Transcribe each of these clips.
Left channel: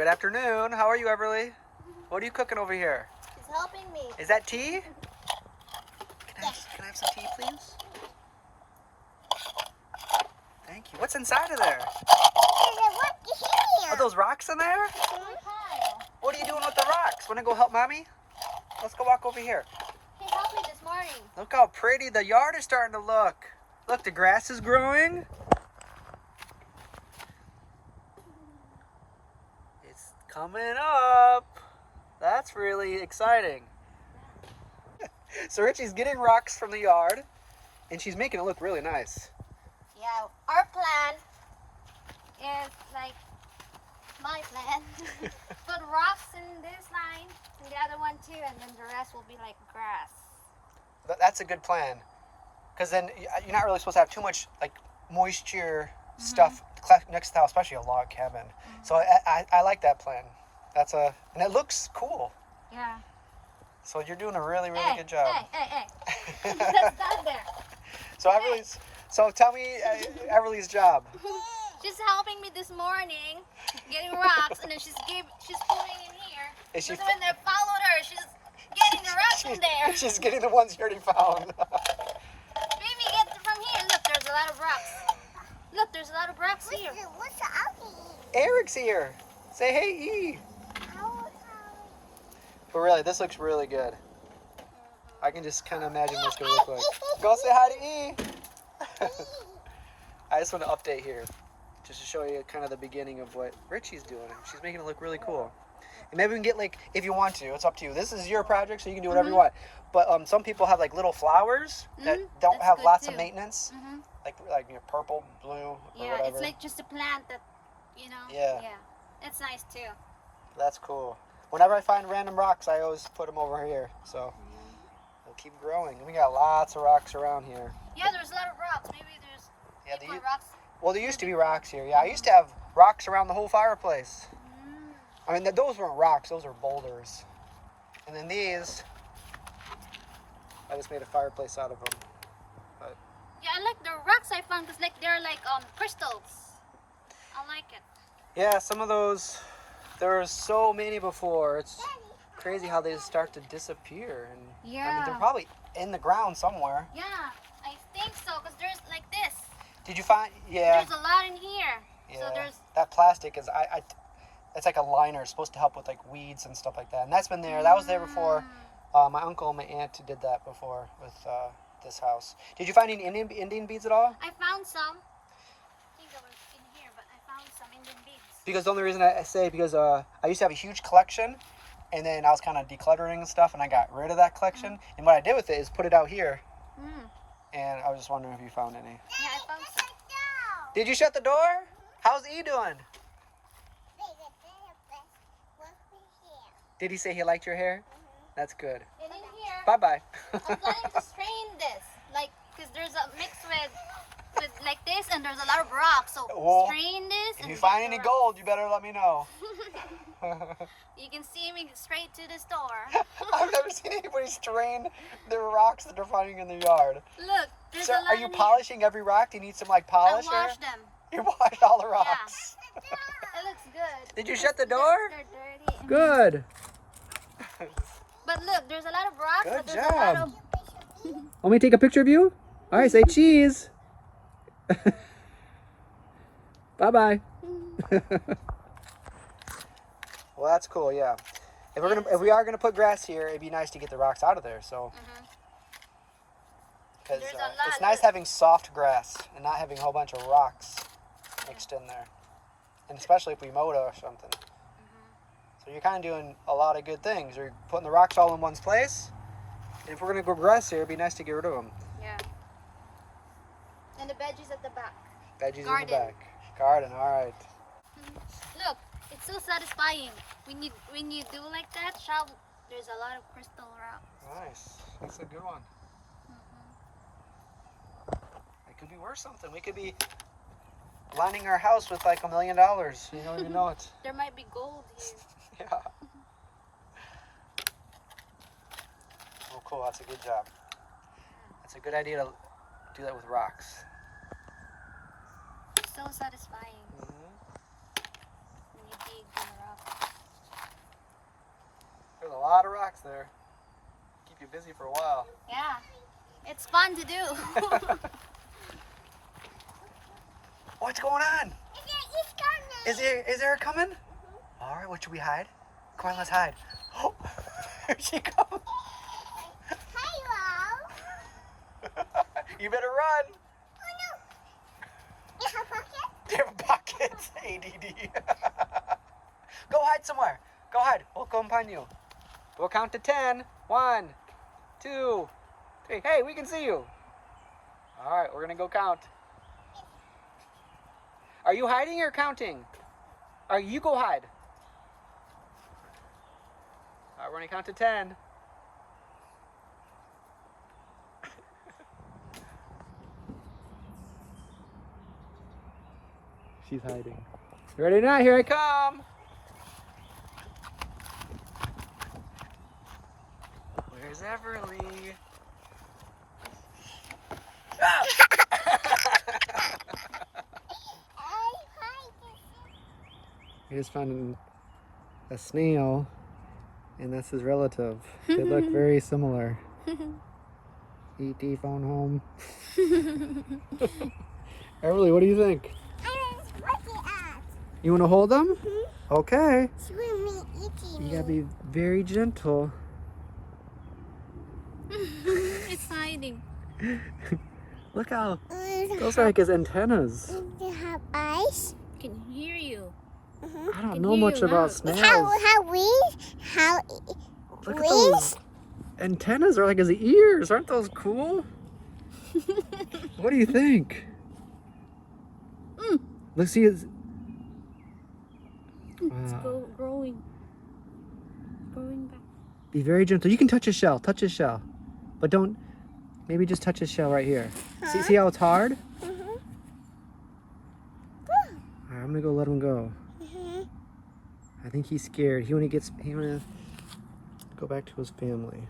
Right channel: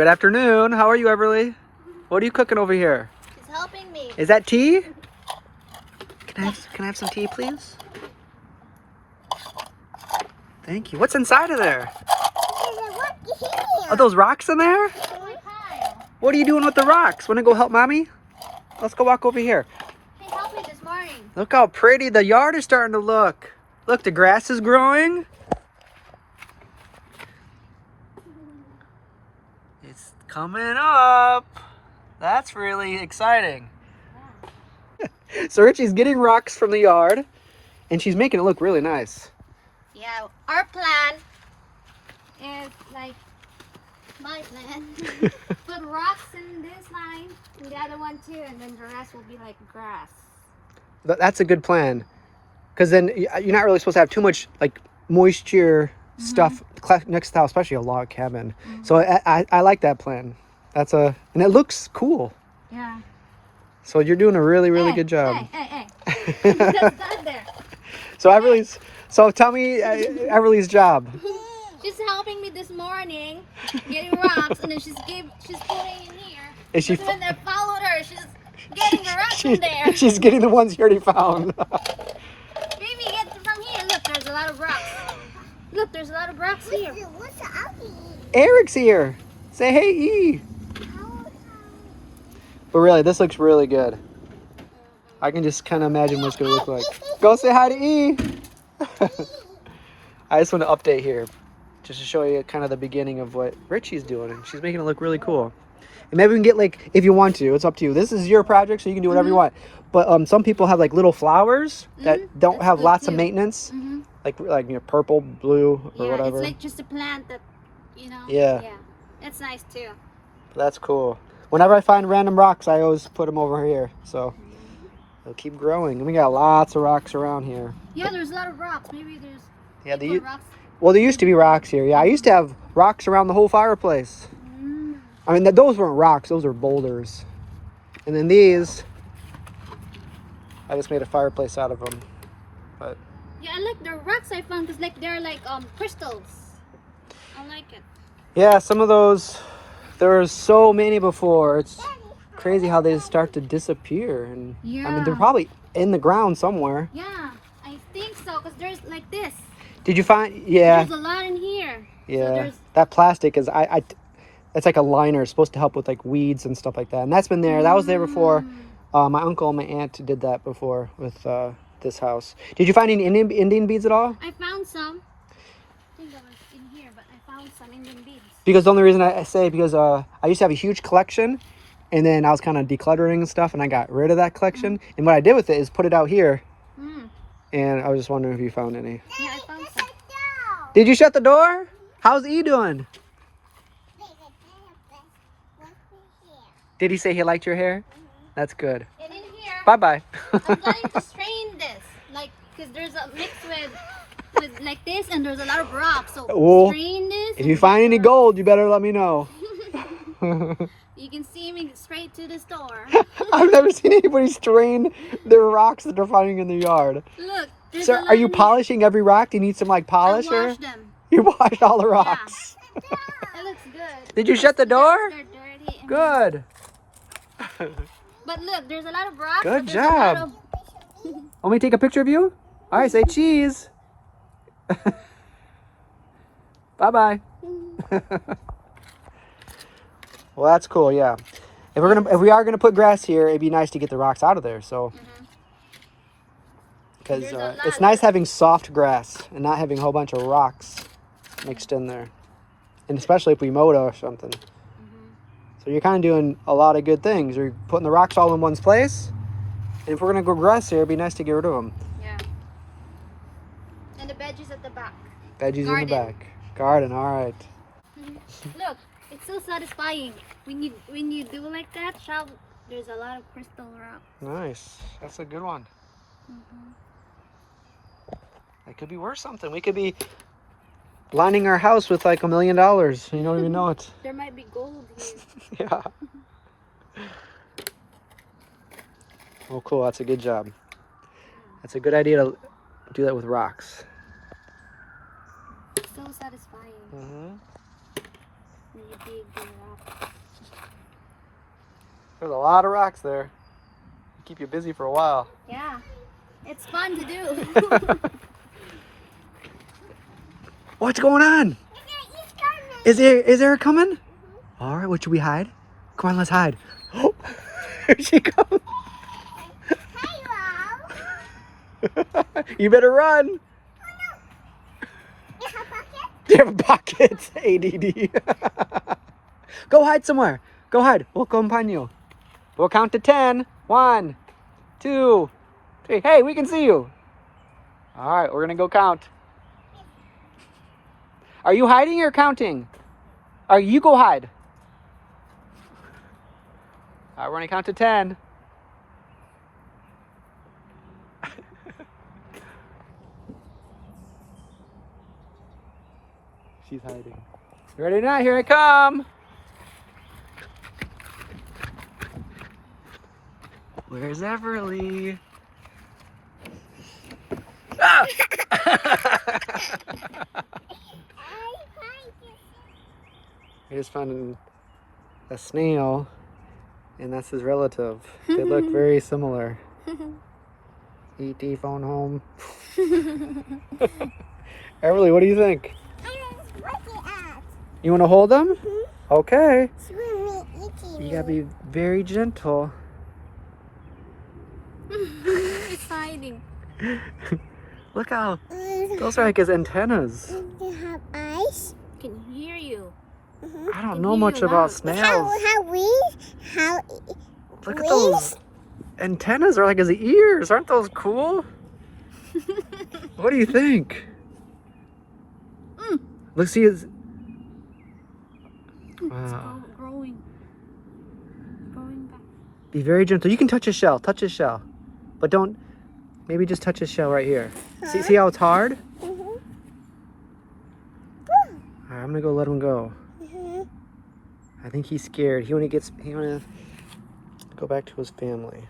Good afternoon. How are you, Everly? What are you cooking over here? She's helping me. Is that tea? Can I have some tea, please? Thank you. What's inside of there? Are those rocks in there? What are you doing with the rocks? Want to go help Mommy? Let's go walk over here. They helped me this morning. Look how pretty the yard is starting to look. Look, the grass is growing. It's coming up. That's really exciting. So Richie's getting rocks from the yard, and she's making it look really nice. Yeah, our plan is like my plan. Put rocks in this line, and the other one too, and then the rest will be like grass. That's a good plan, because then you're not really supposed to have too much like moisture stuff next to the house, especially a log cabin. So I like that plan. And it looks cool. Yeah. So you're doing a really good job. Hey. That's not there. So tell me Everly's job. She's helping me this morning, getting rocks, and then she's putting in here. Is she? But when I followed her, she's getting the rocks in there. She's getting the ones you already found. Baby, get from here. Look, there's a lot of rocks. Look, there's a lot of rocks here. What's the Eric's here. Say hey, E. But really, this looks really good. I can just kind of imagine what it's going to look like. Go say hi to E. I just want to update here, just to show you kind of the beginning of what Richie's doing. She's making it look really cool. And maybe we can get like, if you want to, it's up to you. This is your project, so you can do whatever you want. But some people have like little flowers that don't have lots of maintenance, like purple, blue, or whatever. It's like just a plant that, Yeah. It's nice too. That's cool. Whenever I find random rocks, I always put them over here, so they'll keep growing. And we got lots of rocks around here. Yeah, there's a lot of rocks. Maybe there's rocks. Well, there used to be rocks here. Yeah, I used to have rocks around the whole fireplace. I mean, those weren't rocks; those were boulders. And then these, I just made a fireplace out of them. But yeah, I like the rocks I found because they're like crystals. I like it. yeah, some of those. There were so many before. It's crazy how they start to disappear. And I mean, they're probably in the ground somewhere. Yeah, I think so, because there's like this. Did you find? Yeah. There's a lot in here. Yeah. So that plastic is it's like a liner. It's supposed to help with like weeds and stuff like that. And that's been there. That was there before. My uncle and my aunt did that before with this house. Did you find any Indian beads at all? I found some. I think I was in here, but I found some Indian beads. Because the only reason I say because I used to have a huge collection, and then I was kind of decluttering and stuff, and I got rid of that collection. And what I did with it is put it out here. And I was just wondering if you found any. Yeah, I found some. Did you shut the door? How's E doing? Did he say he liked your hair? That's good. Get in here. Bye-bye. I'm planning to strain this, like, because there's a mix with like this, and there's a lot of rocks. So strain this. If you find any gold, you better let me know. You can see me straight to the store. I've never seen anybody strain their rocks that they're finding in the yard. Look, there's So, are you polishing every rock? Do you need some like polish? I washed them. You washed all the rocks. It looks good. Did you shut the door? They're dirty. And Good. But look, there's a lot of rocks. Good but there's a lot job. Want me to take a picture of you? All right, say cheese. Bye-bye. Well, that's cool. Yeah. If we are gonna put grass here, it'd be nice to get the rocks out of there. So, because it's nice having soft grass and not having a whole bunch of rocks mixed in there, and especially if we mowed or something. So you're kind of doing a lot of good things. You're putting the rocks all in one place, and if we're gonna grow grass here, it'd be nice to get rid of them. Yeah. And the veggies at the back. Veggies in the back. Garden. All right. Look, it's so satisfying when you do like that. There's a lot of crystal rock. Nice. That's a good one. It could be worth something. We could be lining our house with like $1 million. You don't even know it. There might be gold here. Yeah. Well, cool. That's a good job. That's a good idea to do that with rocks. So satisfying. When you dig the rock. There's a lot of rocks there. Keep you busy for a while. Yeah, it's fun to do. What's going on? Is there coming? All right, what should we hide? Come on, let's hide. Oh, here she comes. Hello. You better run. Oh no. You have a bucket? They have pockets. ADD. Go hide somewhere. Go hide. We'll come find you. We'll count to 10. 1, 2, 3. Hey, we can see you. All right, we're gonna go count. Are you hiding or counting? You go hide. All right, we're gonna count to 10. She's hiding. You ready now? Here I come. Where's Everly? Ah! I just found a snail, and that's his relative. They look very similar. E.T. phone home. Everly, what do you think? You want to hold them? Mm-hmm. Okay. You gotta be very gentle. It's hiding. Look how those are like his antennas. They have eyes. Can hear you. Mm-hmm. I don't know much about snails. Look at those antennas are like his ears. Aren't those cool? What do you think? Let's see his. Wow. It's growing. Growing back. Be very gentle. You can touch his shell. Touch his shell. But don't. Maybe just touch his shell right here. Huh? See how it's hard? Mm-hmm. Alright, I'm gonna go let him go. Mm-hmm. I think he's scared. He wanna go back to his family.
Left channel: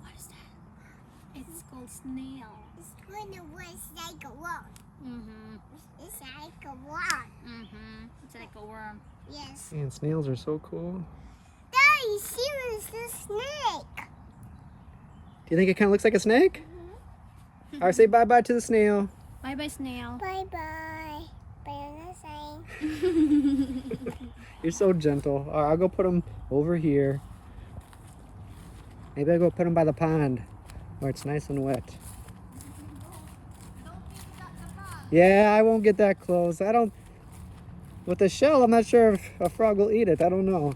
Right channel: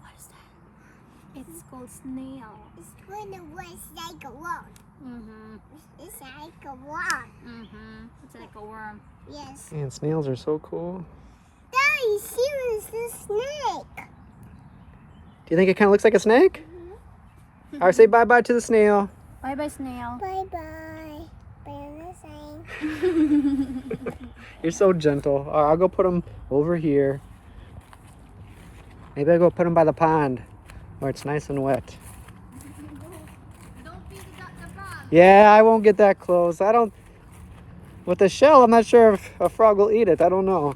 What is that? It's called snail. It's going to was like a worm. Mm-hmm. It's like a worm. Mm-hmm. It's like a worm. Yes. Man, snails are so cool. Daddy, seriously, it's a snake. Do you think it kind of looks like a snake? Mm-hmm. All right, say bye-bye to the snail. Bye-bye, snail. Bye-bye. You're so gentle. All right, I'll go put him over here. Maybe I'll go put him by the pond where it's nice and wet. Don't think you got the frog. Yeah, I won't get that close. I don't... With the shell, I'm not sure if a frog will eat it. I don't know.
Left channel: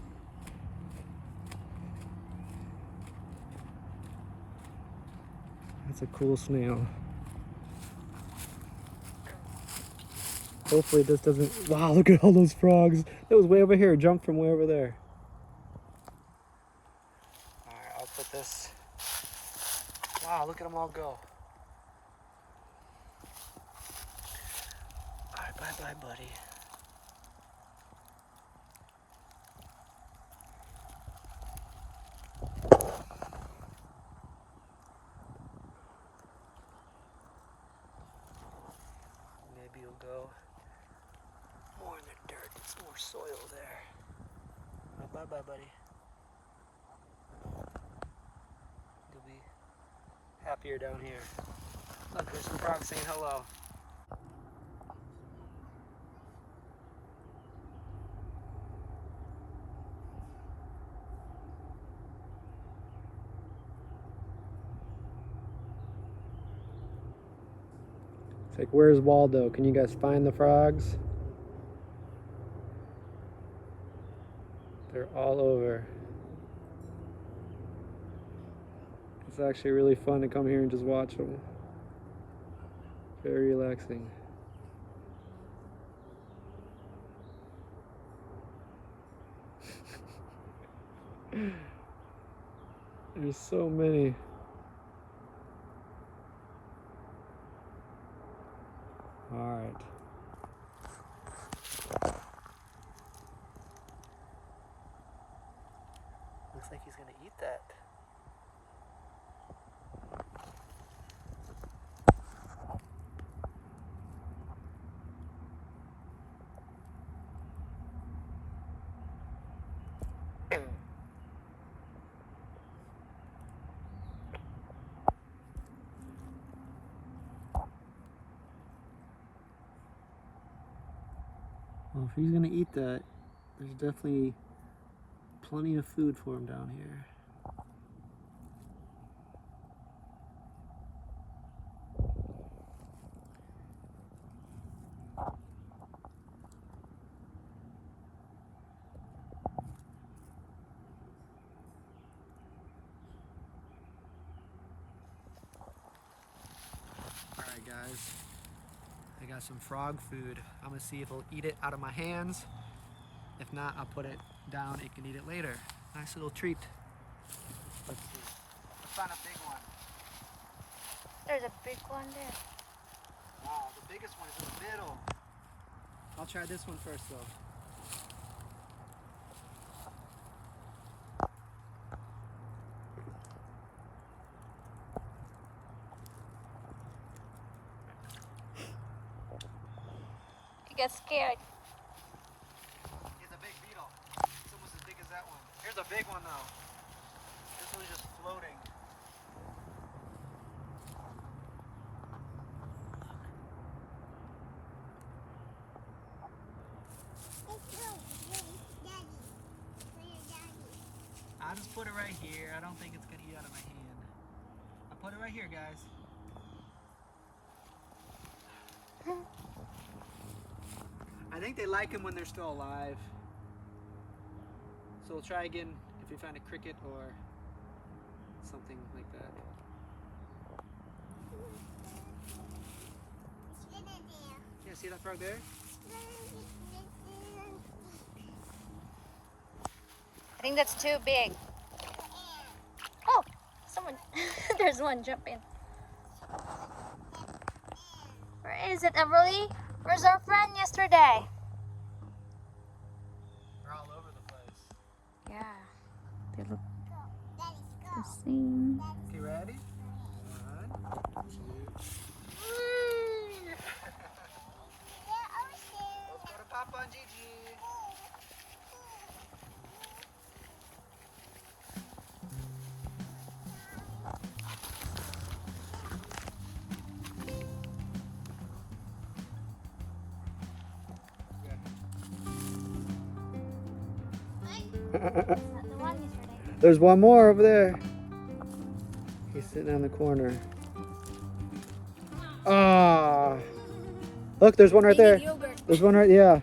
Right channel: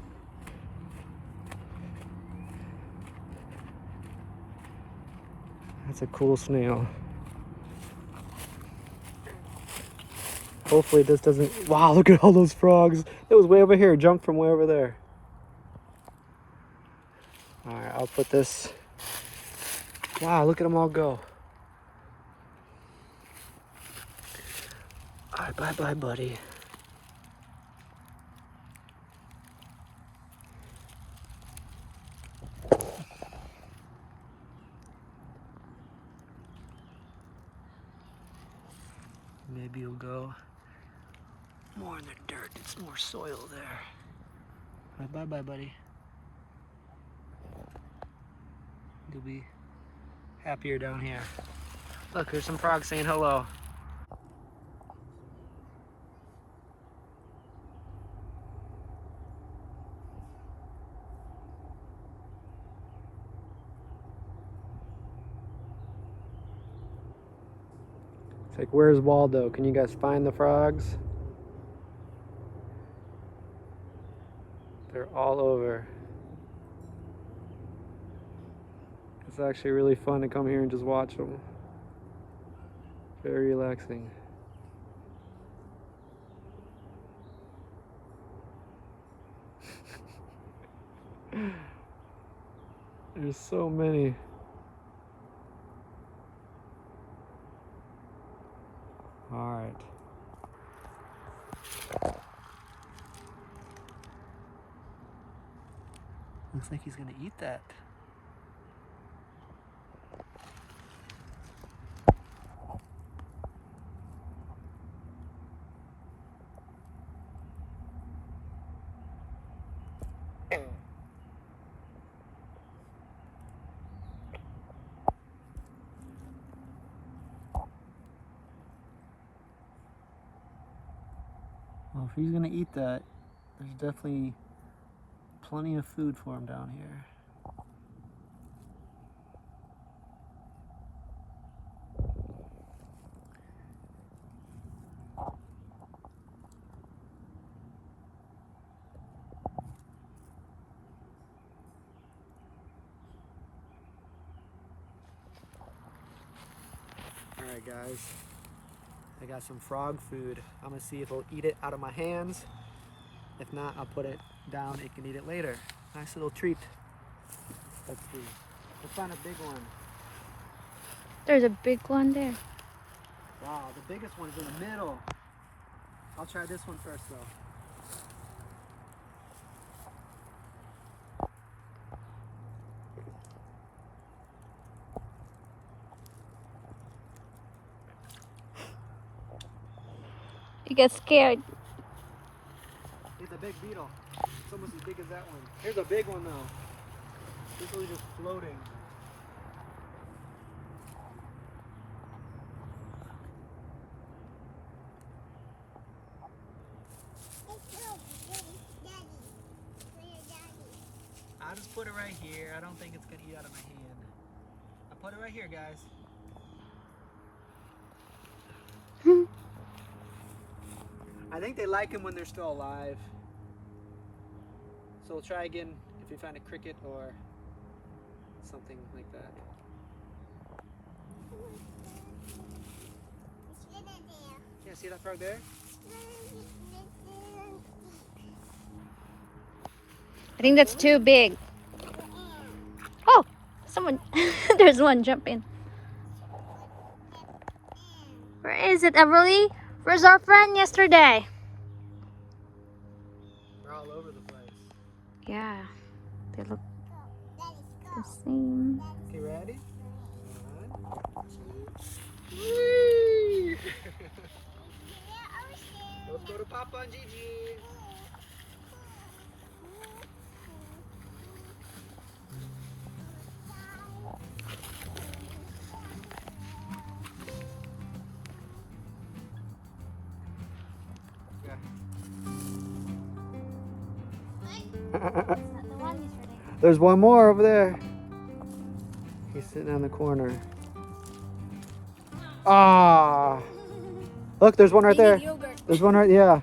That's a cool snail. Hopefully this doesn't... Wow, look at all those frogs. It was way over here. It jumped from way over there. Alright, I'll put this... Wow, look at them all go. Alright, bye-bye, buddy. Maybe you'll go more in the dirt. It's more soil there. Bye-bye, buddy. You'll be happier down here. Look, there's some frogs saying hello. It's like, where's Waldo? Can you guys find the frogs? They're all over. It's actually really fun to come here and just watch them. Very relaxing. There's so many. All right. Looks like he's gonna eat that. Well, if he's gonna eat that, there's definitely plenty of food for him down here. Alright guys, I got some frog food. I'm gonna see if he'll eat it out of my hands. If not, I'll put it down. It can eat it later. Nice little treat. Let's see. Let's find a big one. There's a big one there. Wow, the biggest one is in the middle. I'll try this one first though. You get scared. It's a big beetle. It's almost as big as that one. Here's a big one though. This one's just floating. I'll just put it right here. I don't think it's gonna eat out of my hand. I'll put it right here, guys. I think they like them when they're still alive. So we'll try again if we find a cricket or something like that. Yeah, see that frog there? I think that's too big. Oh, someone, there's one jumping. Where is it, Everly? Where's our friend yesterday? They're all over the place. Yeah, they look the same. Okay, ready? 1, 2, 3. Let's go to Papa and Gigi. There's one more over there. He's sitting on the corner. Ah! Look, there's one right there. There's one right, yeah.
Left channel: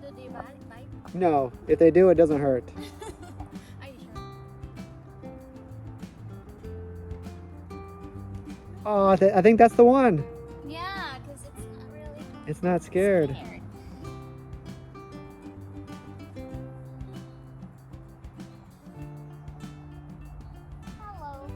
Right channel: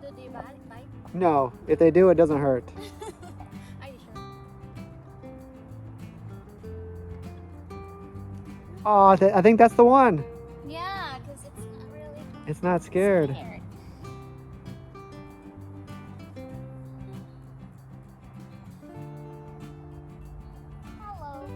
Do they bite? No, if they do, it doesn't hurt. Are you sure? Oh, I think that's the one. Yeah, because it's not really It's not scared. scared. Hello.